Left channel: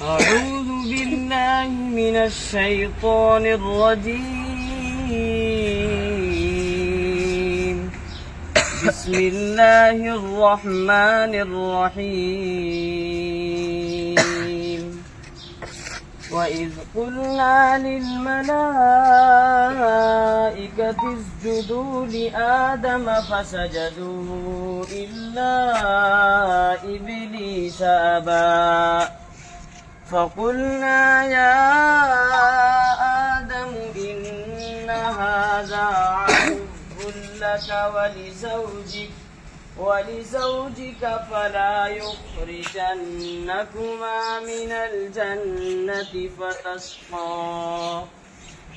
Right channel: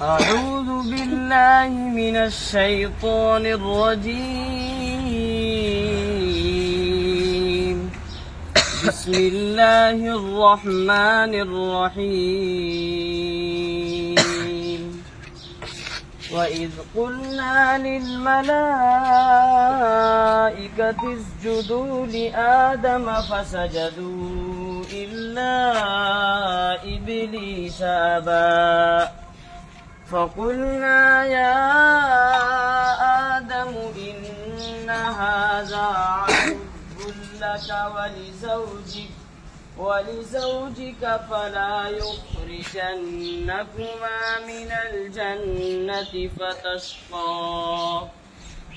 أعوذ بالله من الشيطان الرجيم. بسم الله الرحمن الرحيم. وإذ قلنا للملائكة اسجدوا لآدم فسجدوا إلا إبليس أبى فقلنا يا آدم إن هذا عدو لك ولزوجك فلا يخرجنكما من الجنة فتشقى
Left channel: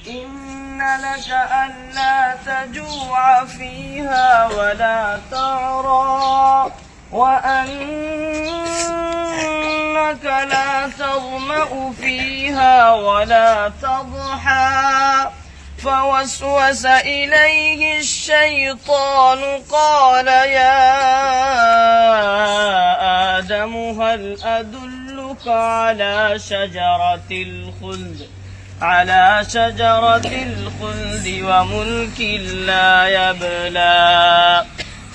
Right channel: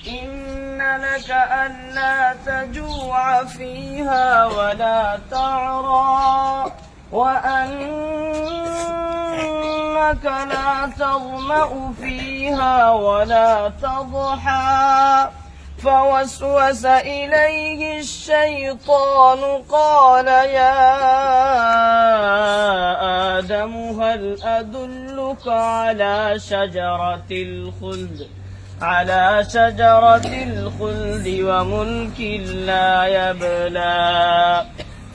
إن لك ألا تجوع فيها ولا تعرى وأنك لا تظمأ فيها ولا تضحى فوسوس إليه الشيطان قال يا آدم هل أدلك على شجرة الخلد وملك لا يبلى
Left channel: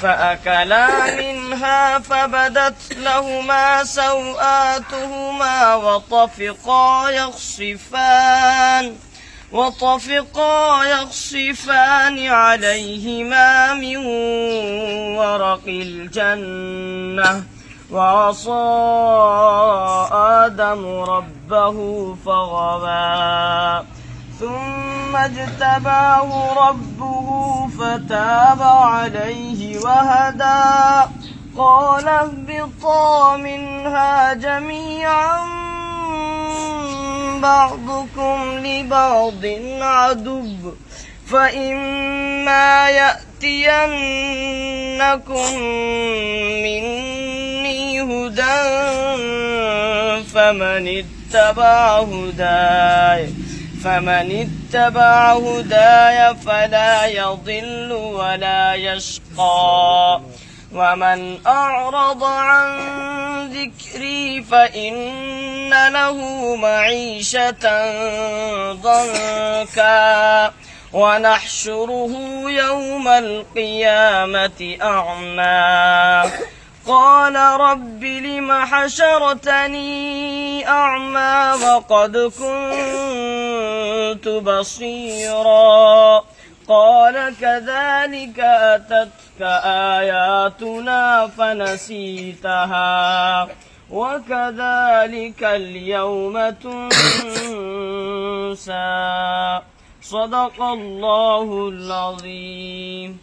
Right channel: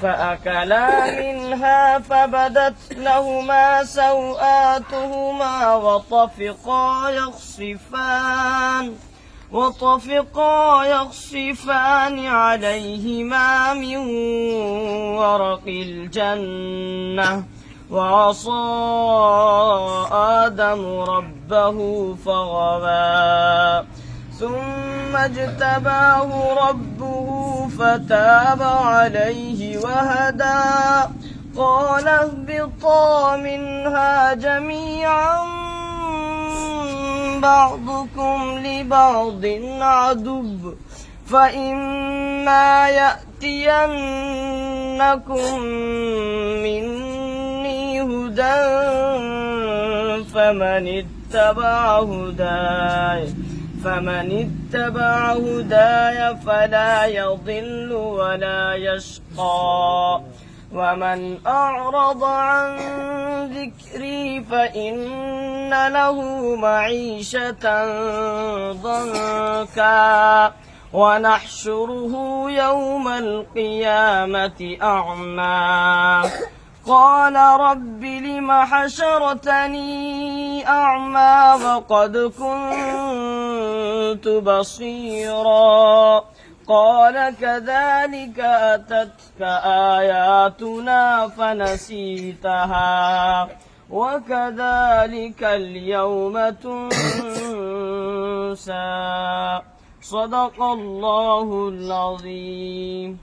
فأكلا منها فبدت لهما سوآتهما وطفقا يخصفان عليهما من ورق الجنة وعصى آدم ربه فغوى ثم اجتباه ربه فتاب عليه وهدى قال اهبطا منها جميعا بعضكم لبعض عدو فإما يأتينكم مني هدى فمن اتبع هداي فلا يضل ولا يشقى ومن أعرض عن ذكري فإن له معيشة ضنكا ونحشره يوم القيامة أعمى قال رب لم حشرتني أعمى وقد كنت بصيرا قال كذلك أتتك آياتنا فنسيتها وكذلك اليوم تنسى صدق الله العظيم.